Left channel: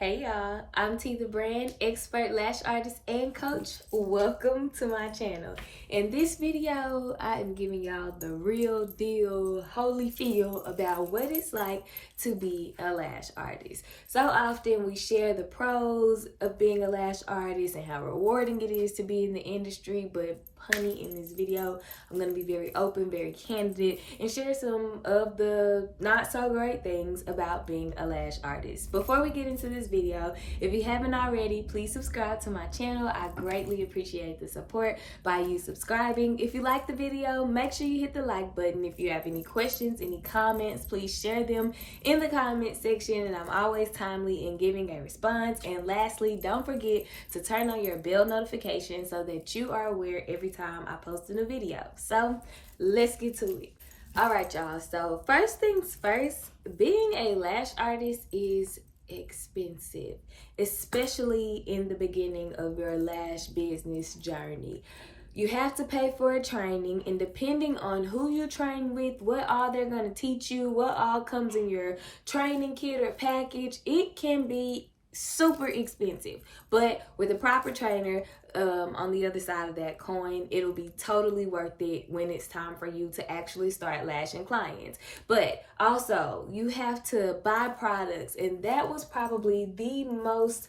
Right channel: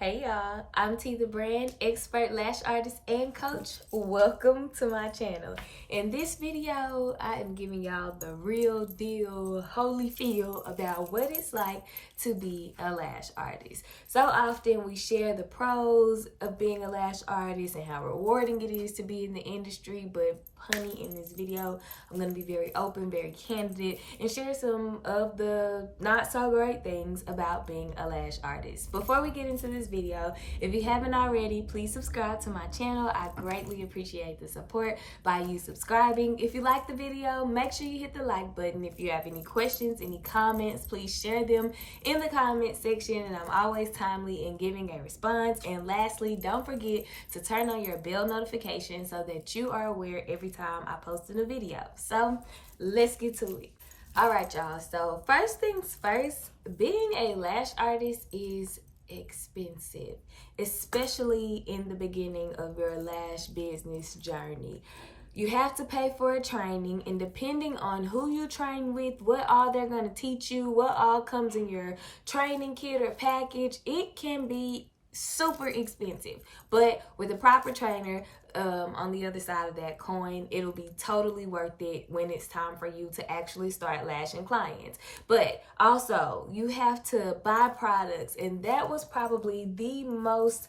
Hey y'all, I'm T the Brand, expert lash artist and coach. Welcome to my channel. In this video, I am giving y'all the real deal, holy feel about what it's like to be a lash artist. So often we share the pros of being a lash artist and how rewarding it is to be in the industry, but honey, in this video, I'm going to be very open, very candid, and share some of the not so great things about being a lash artist. Before we get into this video, if you haven't already, please subscribe to my channel. I greatly appreciate the support by you subscribing. If you like the video, make sure you hit the like button. If you have any questions, any comments, please share them in the comment section, and I'm always timely in giving a response. And lastly, don't forget to turn on your bell notification so that you are aware every time I post a new video. So let's get to it. All right, y'all. So first things first, being a lash artist is expensive, especially in the beginning of your lash business journey. You have to pay for a training, and depending on who you train with, what all they're going to teach you, what all comes in your training kit or package, it can be super expensive. But with a proper trainer, on the other side of that coin, it'll be totally worth it when it's time for you to actually start lashing clients. But also, you have to buy products, and that was probably the most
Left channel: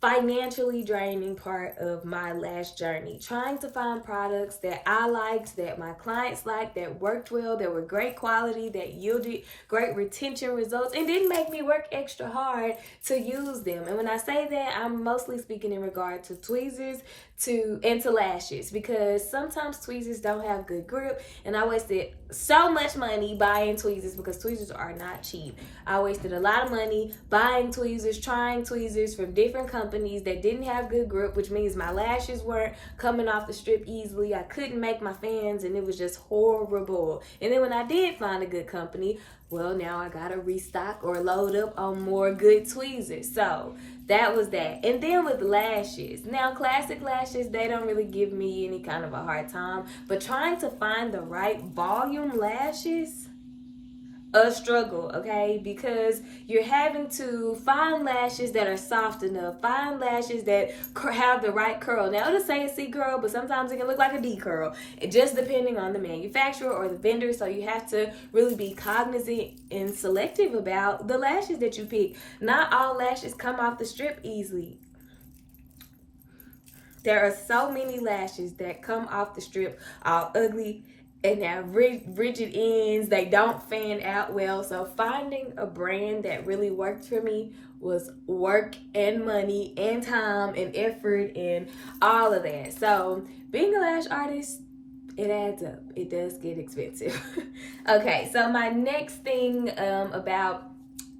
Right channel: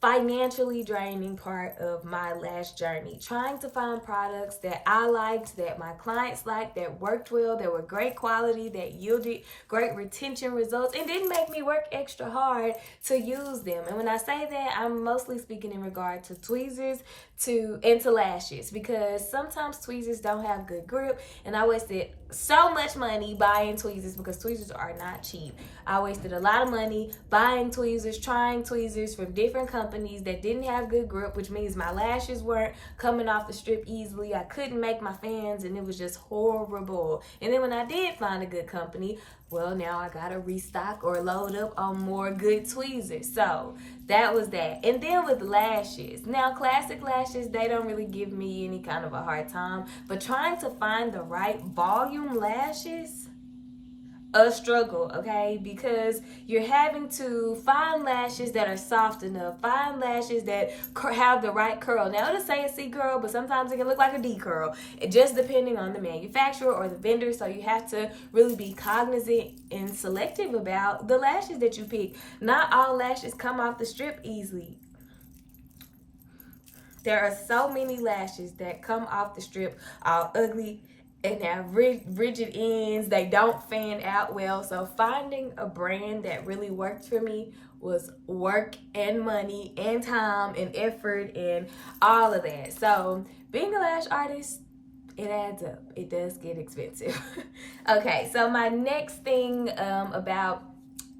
financially draining part of my lash journey, trying to find products that I liked, that my clients liked, that worked well, that were great quality, that yielded great retention results, and didn't make me work extra hard to use them. And when I say that, I'm mostly speaking in regard to tweezers and to lashes, because sometimes tweezers don't have good grip, and I wasted so much money buying tweezers because tweezers are not cheap. I wasted a lot of money buying tweezers, trying tweezers from different companies that didn't have good grip, which means my lashes weren't coming off the strip easily. I couldn't make my fans, and it was just horrible. And then when I did find a good company, well, now I gotta restock or load up on more good tweezers. So that was that. And then with lashes, now classic lashes, they don't really give me any kind of a hard time, but trying to find the right volume lashes, a struggle, okay? Because you're having to find lashes that are soft enough, find lashes that have the right curl. Now it'll say a C curl, but sometimes it can look like a D curl, just depending on the manufacturer or the vendor. So you have to really be cognizant and selective about the lashes that you pick. Not all lashes come off the strip easily. There are so many lashes that come off the strip all ugly and have rigid ends. They don't fan out well. So finding a brand that really worked for me was work and money and time and effort and all of that. So being a lash artist, it adds up. It does get expensive. Okay, so my next thing about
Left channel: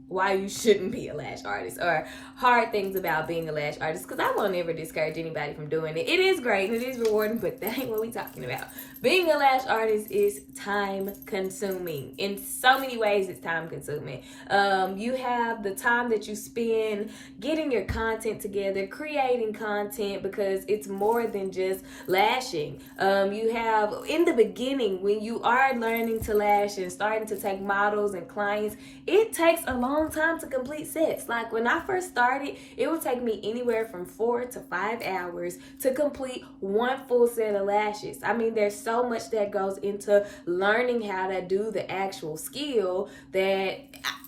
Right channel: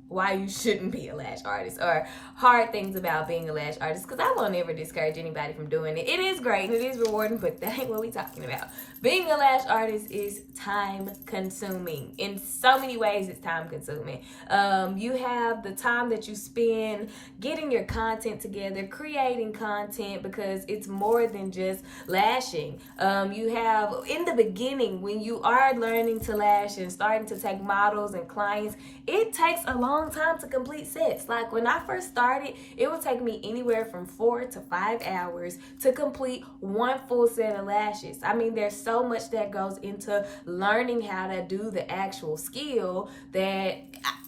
why you shouldn't be a lash artist, or hard things about being a lash artist, because I won't ever discourage anybody from doing it. It is great and it is rewarding, but that ain't what we talking about. Being a lash artist is time consuming. In so many ways, it's time consuming. You have the time that you spend getting your content together, creating content, because it's more than just lashing. You have, in the beginning, when you are learning to lash and starting to take models and clients, it takes a long time to complete sets. Like when I first started, it would take me anywhere from 4 to 5 hours to complete one full set of lashes. I mean, there's so much that goes into learning how to do the actual skill that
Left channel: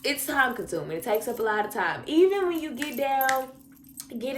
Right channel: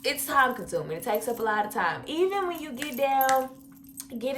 it's time consuming. It takes up a lot of time. Even when you get it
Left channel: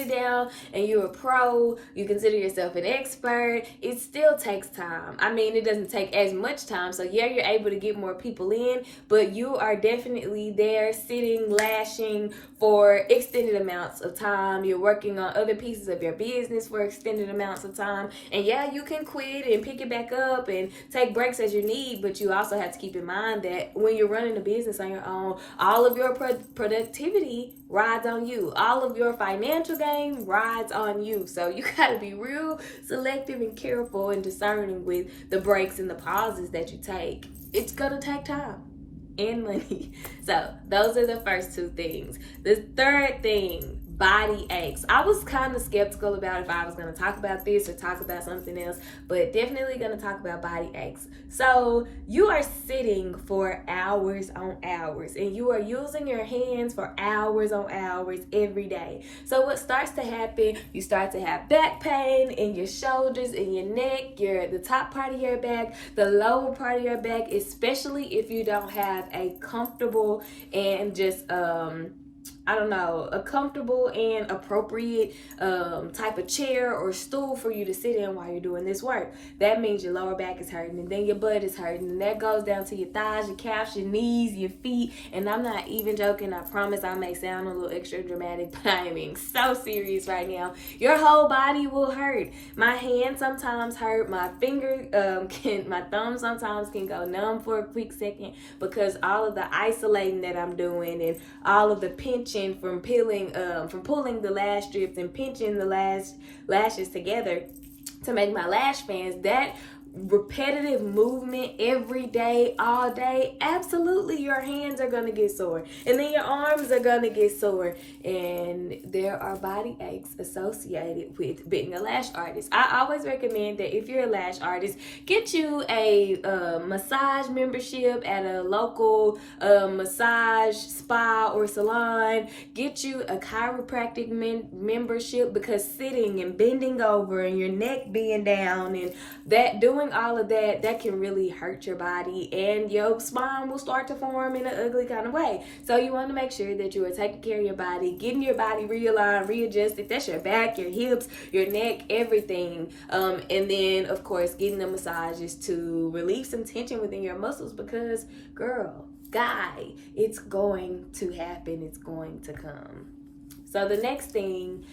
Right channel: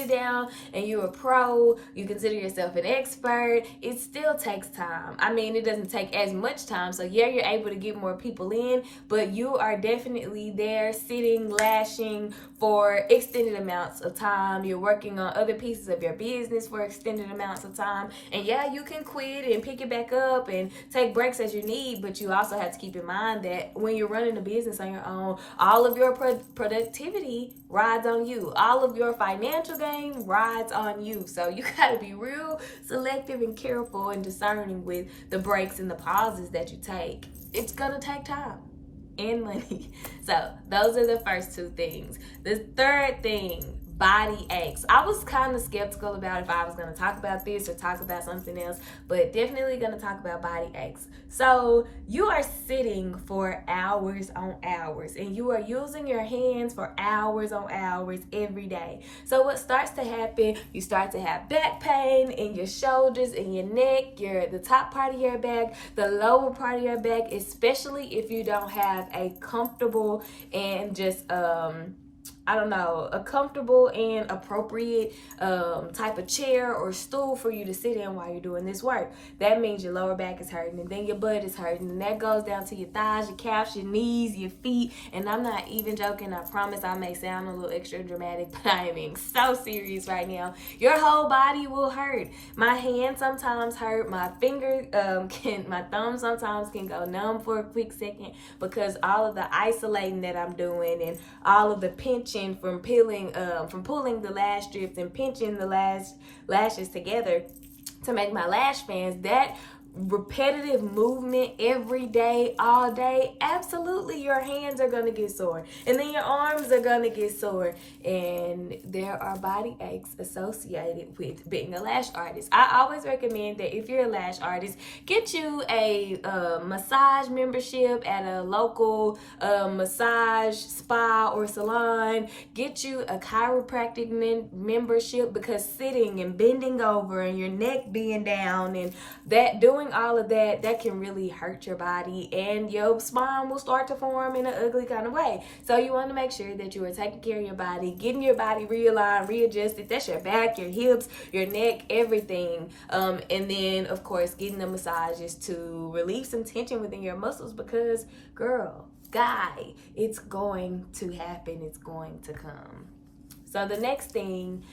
down and you're a pro, you consider yourself an expert, it still takes time. I mean, it doesn't take as much time. So yeah, you're able to get more people in, but you are definitely there sitting, lashing for extended amounts of time. You're working on other pieces of your business for extended amounts of time. And yeah, you can quit and pick it back up and take breaks as you need, but you also have to keep in mind that when you're running a business on your own, all of your productivity rides on you. All of your financial gain rides on you. So you gotta be real selective and careful and discerning with the breaks and the pauses that you take. It's gonna take time and money. So those are the first two things. The third thing, body aches. I was kind of skeptical about if I was going to talk about this or talk about something else, but definitely going to talk about body aches. So you are sitting for hours on hours, and you are using your hands for hours on hours every day. So what starts to happen, you start to have back pain in your shoulders, in your neck, the top part of your back, the lower part of your back, especially if you don't have a comfortable and just a comfortable and appropriate type of chair or stool for you to sit in while you're doing this work. That means your lower back is hurting, and then your butt is hurting, and that goes down to your thighs, your calves, your knees, your feet. And I'm not even joking. I promise I may sound a little extra dramatic, but I am being so serious right now. Your whole body will hurt. My hands sometimes hurt. My finger my thumb sometimes can go numb for a quick second because all of the isolating that I'm doing and all of the pinching from pulling the lash strips and pinching the lashes together to make my lash fans. That repetitive movement every day, all day, absolutely your hands are gonna get sore, and then your arms are gonna get sore, and there are body aches associated with being a lash artist. I always recommend that if you're a lash artist, get you a massage membership at a local massage spa or salon. Get you a chiropractic membership, because sitting and bending over and your neck being down and that doing all of that can really hurt your body, and your spine will start to form in an ugly kind of way. So you want to make sure that you are taking care of your body, getting your body realigned, readjusted. That's your back, your hips, your neck, everything. And then of course getting the massages to relieve some tension within your muscles, because girl, guy, it's going to happen. It's going to come. So the next thing,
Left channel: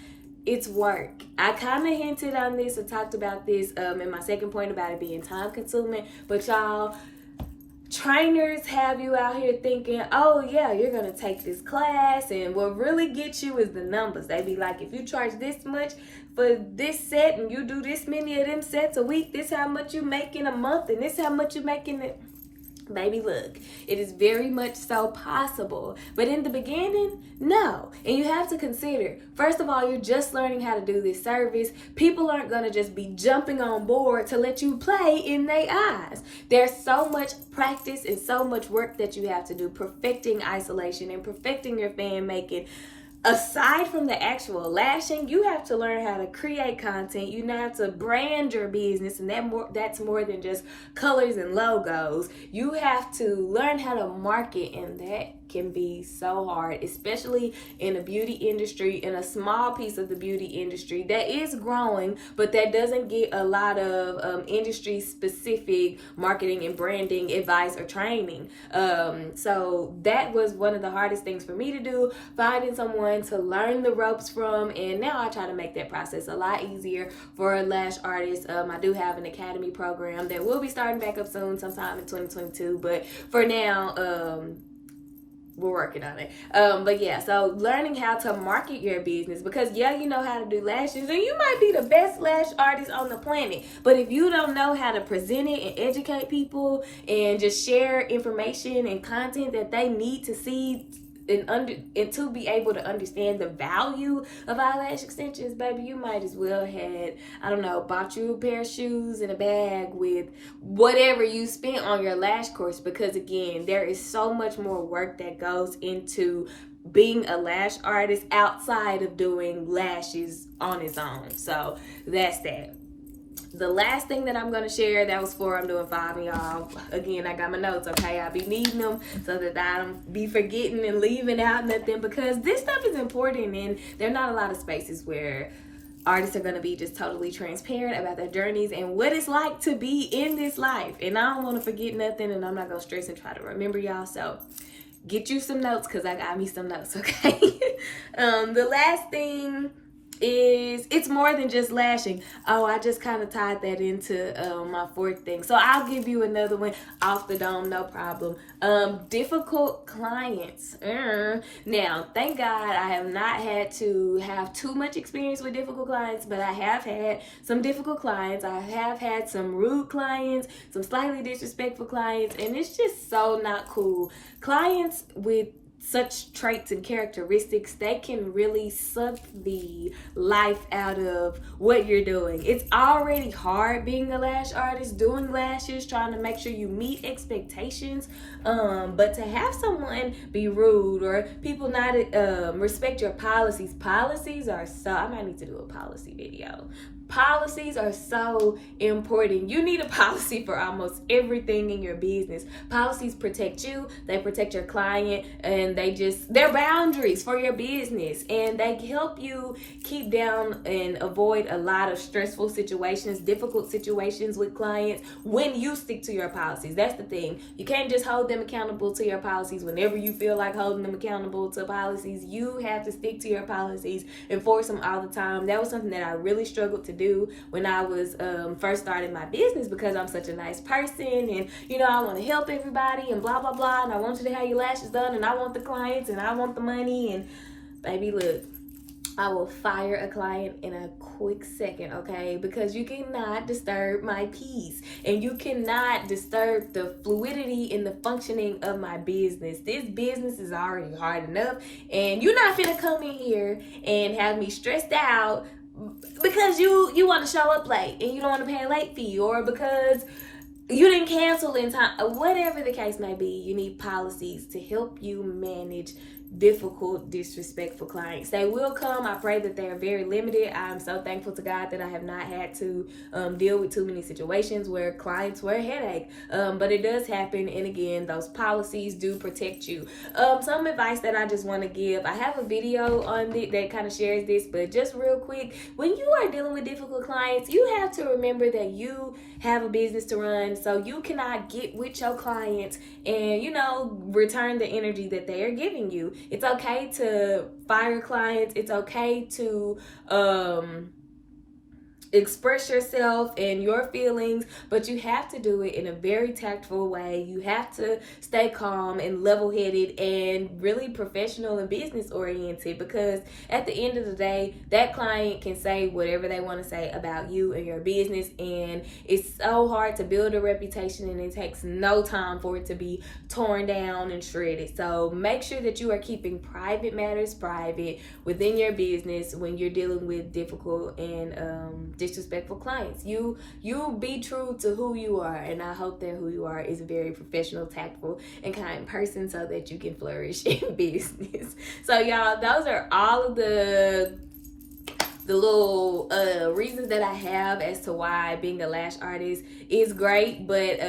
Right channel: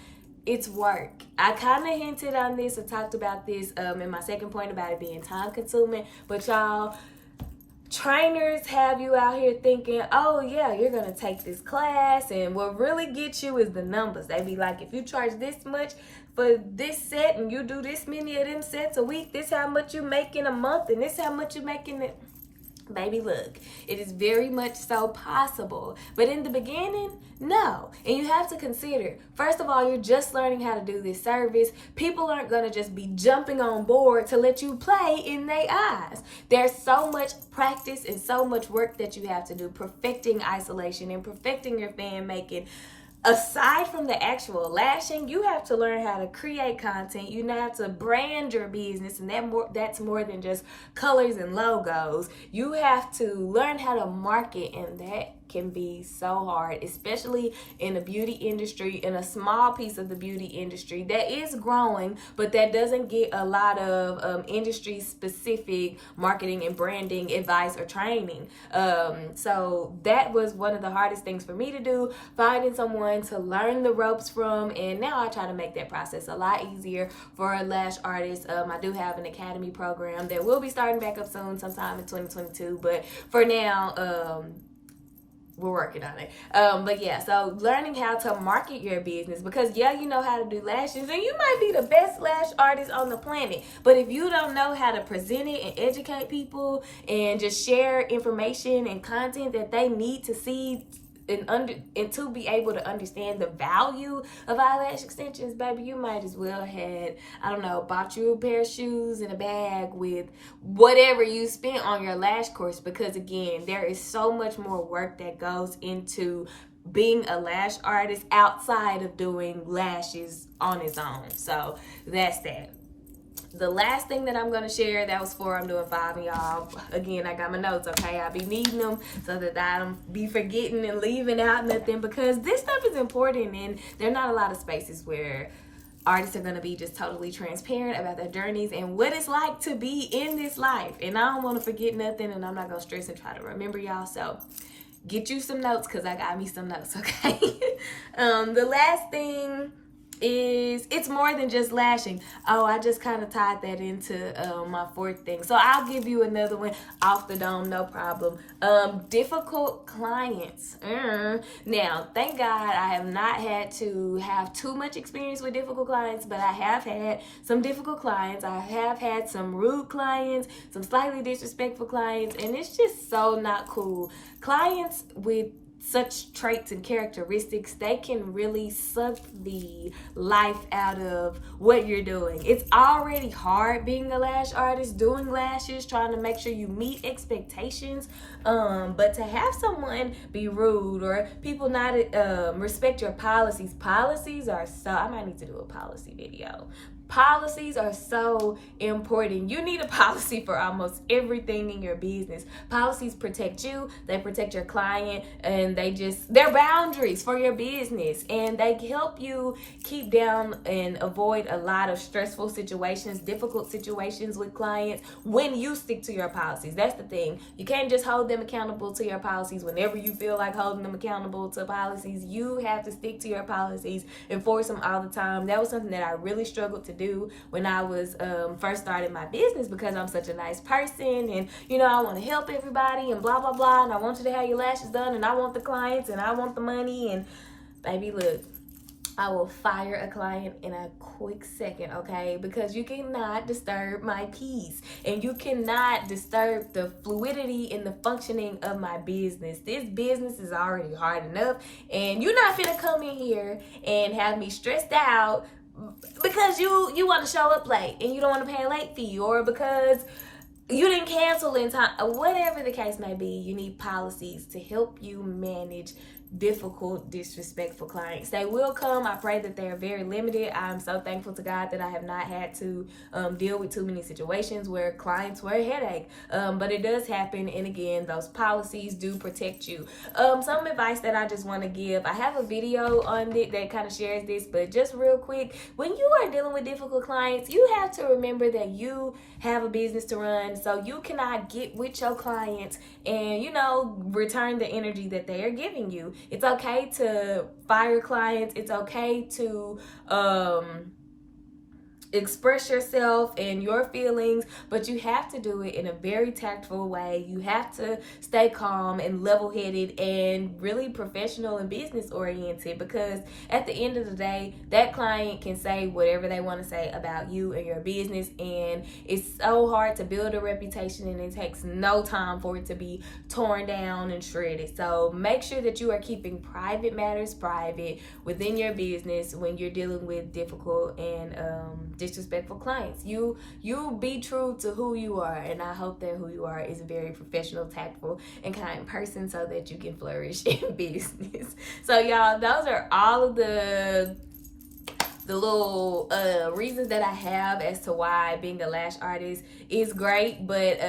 it's work. I kind of hinted on this and talked about this in my second point about it being time consuming, but y'all, trainers have you out here thinking, oh yeah, you're gonna take this class, and what really gets you is the numbers. They be like, if you charge this much for this set and you do this many of them sets a week, this how much you make in a month, and this how much you make in it. Baby, look, it is very much so possible, but in the beginning, no. And you have to consider, first of all, you're just learning how to do this service. People aren't gonna just be jumping on board to let you play in their eyes. There's so much practice and so much work that you have to do, perfecting isolation and perfecting your fan making. Aside from the actual lashing, you have to learn how to create content. You have to brand your business, and that's more than just colors and logos. You have to learn how to market, and that can be so hard, especially in the beauty industry, in a small piece of the beauty industry that is growing, but that doesn't get a lot of industry specific marketing and branding advice or training. So that was one of the hardest things for me to do, finding someone to learn the ropes from, and now I try to make that process a lot easier for lash artists. I do have an academy program that will be starting back up soon, sometime in 2022, but for now, we're working on it. But yeah, so learning how to market your business, because yeah, you know how to do lashes, and you might be the best lash artist on the planet, but if you don't know how to present it and educate people and just share information and content that they need to see and to be able to understand the value of eyelash extensions, baby, you might as well had, I don't know, bought you a pair of shoes and a bag with whatever you spent on your lash course, because again, there is so much more work that goes into being a lash artist outside of doing lashes on its own. So that's that. The last thing that I'm going to share, that was 4, I'm doing 5, and y'all, again, I got my notes, okay? I'll be needing them so that I don't be forgetting and leaving out nothing, because this stuff is important, and there are not a lot of spaces where artists are going to be just totally transparent about their journeys and what it's like to be in this life. And I don't want to forget nothing, and I'm not going to stress and try to remember y'all, so get you some notes, because I got me some notes, okay? The last thing is, it's more than just lashing. Oh, I just kind of tied that into my 4th thing, so I'll give you another one off the dome, no problem. Difficult clients. Now, thank God I have not had to have too much experience with difficult clients, but I have had some difficult clients. I have had some rude clients, some slightly disrespectful clients, and it's just so not cool. Clients with such traits and characteristics, they can really suck the life out of what you're doing. It's already hard being a lash artist, doing lashes, trying to make sure you meet expectations, but to have someone be rude or people not respect your policies are so, I might need to do a policy video. Policies are so important. You need a policy for almost everything in your business. Policies protect you, they protect your client, and they're boundaries for your business, and they help you keep down and avoid a lot of stressful situations, difficult situations with clients when you stick to your policies. That's the thing. You can't just hold them accountable to your policies whenever you feel like holding them accountable to policies. You have to stick to your policies, enforce them all the time. That was something that I really struggled to do when I was first starting my business, because I'm such a nice person, and I want to help everybody and blah blah blah, and I want you to have your lashes done, and I want the clients, and I want the money. And baby, look, I will fire a client in a quick second, okay? Because you cannot disturb my peace, and you cannot disturb the fluidity in the functioning of my business. This business is already hard enough, and you're not finna come in here and have me stressed out because you want to show up late and you don't want to pay a late fee, or because you didn't cancel in time. Whatever the case may be, you need policies to help you manage difficult, disrespectful clients. They will come. I pray that they are very limited. I'm so thankful to God that I have not had to deal with too many situations where clients were a headache, but it does happen. And again, those policies do protect you. Some advice that I just want to give, I have a video on it that kind of shares this, but just real quick, when you are dealing with difficult clients, you have to remember that you have a business to run, so you cannot get with your clients and return the energy that they are giving you. It's okay to fire clients. It's okay to express yourself and your feelings, but you have to do it in a very tactful way. You have to stay calm and level-headed and really professional and business oriented, because at the end of the day, that client can say whatever they want to say about you and your business, and it's so hard to build a reputation, and it takes no time for it to be torn down and shredded. So make sure that you are keeping private matters private within your business when you're dealing with difficult and disrespectful clients. You be true to who you are, and I hope that who you are is a very professional, tactful, and kind person, so that you can flourish in business. So y'all, those are all of the little reasons that I have as to why being a lash artist is great, but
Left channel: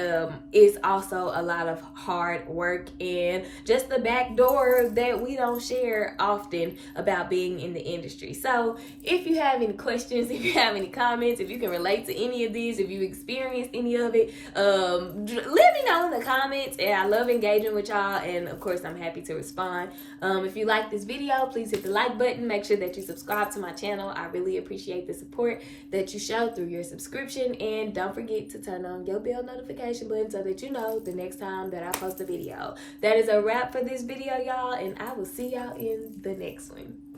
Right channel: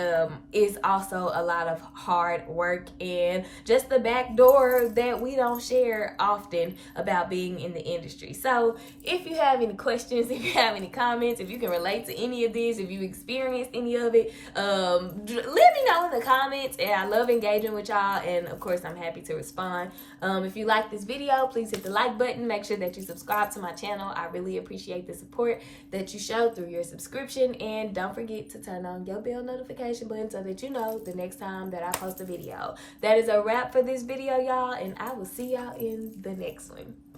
it's also a lot of hard work and just the back door that we don't share often about being in the industry. So if you have any questions, if you have any comments, if you can relate to any of this, if you experienced any of it, let me know in the comments, and I love engaging with y'all, and of course I'm happy to respond. If you like this video, please hit the like button. Make sure that you subscribe to my channel. I really appreciate the support that you show through your subscription, and don't forget to turn on your bell notification button so that you know the next time that I post a video. That is a wrap for this video, y'all, and I will see y'all in the next one.